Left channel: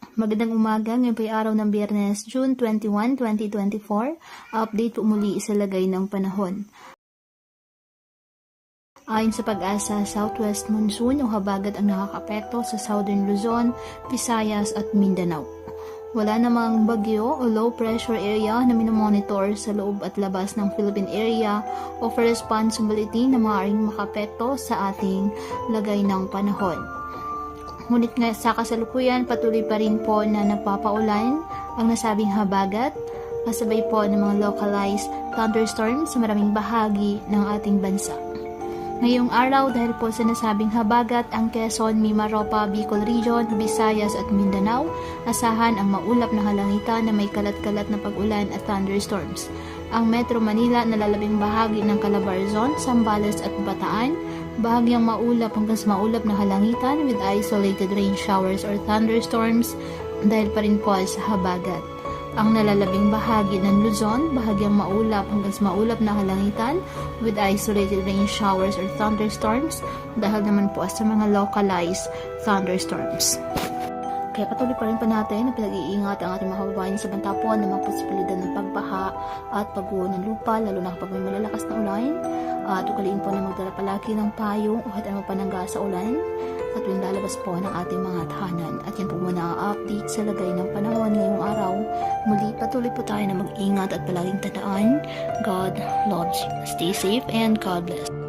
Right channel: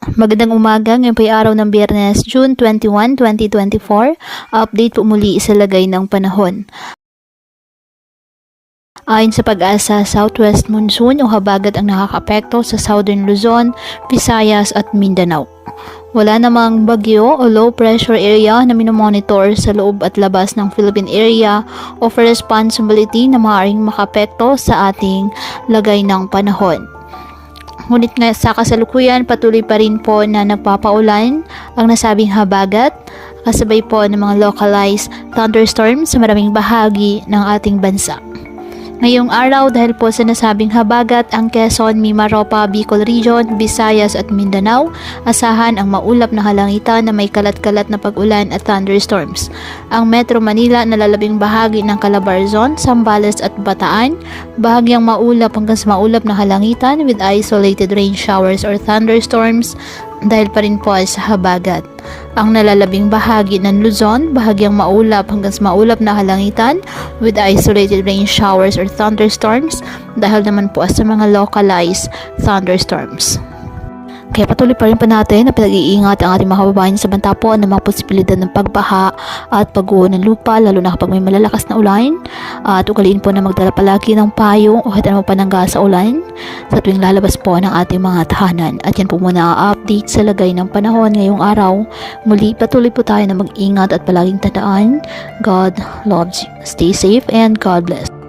Magandang umaga, ngayon po ay araw ng Biyernes, June 21, 2024. Update po muli sa lagay ng panahon. Ayon sa Pag-asa, southwest monsoon o habagat ang nakakaapekto sa southern Luzon, Visayas at Mindanao. Wala namang bagyo o low pressure area na minomonitor sa loob at labas ng Philippine area of responsibility na maaaring makapekto sa ating lagay ng panahon. Ngunit nga sa kasalukuyan, patuloy pa rin po na nagpapaulan ang nasabing habagat, kasabay po ng mga localized thunderstorms sa maraming bahagi ng ating bansa. Ngayong araw, dahil po sa nasabing habagat, ang Quezon, Mimaropa, Bicol Region, Visayas at Mindanao, asahan ang maulap na kalangitan na may kalat-kalat na pag-ulan at thunderstorms. Ang Metro Manila, nalalabing bahagi ng Calabarzon, Zambales at Bataan, bahagyang maulap hanggang sa maulap na kalangitan with isolated rain showers or thunderstorms dahil pa rin po sa habagat. Ang nalalabing bahagi ng Luzon, bahagyang maulap hanggang sa maulap na kalangitan with isolated rain showers or thunderstorms dahil naman po sa mga localized thunderstorms. Kaya patuloy pa rin po natin na pinag-iingat ang ating mga kababayan sa banta po ng mga posibilidad ng pagbaha at pagguho ng lupa, lalo na kapag may malalakas na ulan. At ugaliin po na magdala palagi ng payong o kahit anong panangga sa ulan sa tuwing lalabas po ng ating mga tahanan. At yan po muna ang update sa lagay ng panahon ngayong araw. Muli patuloy po tayo na mag-ingat at palaging tandaan, God loves you. Stay safe and God bless.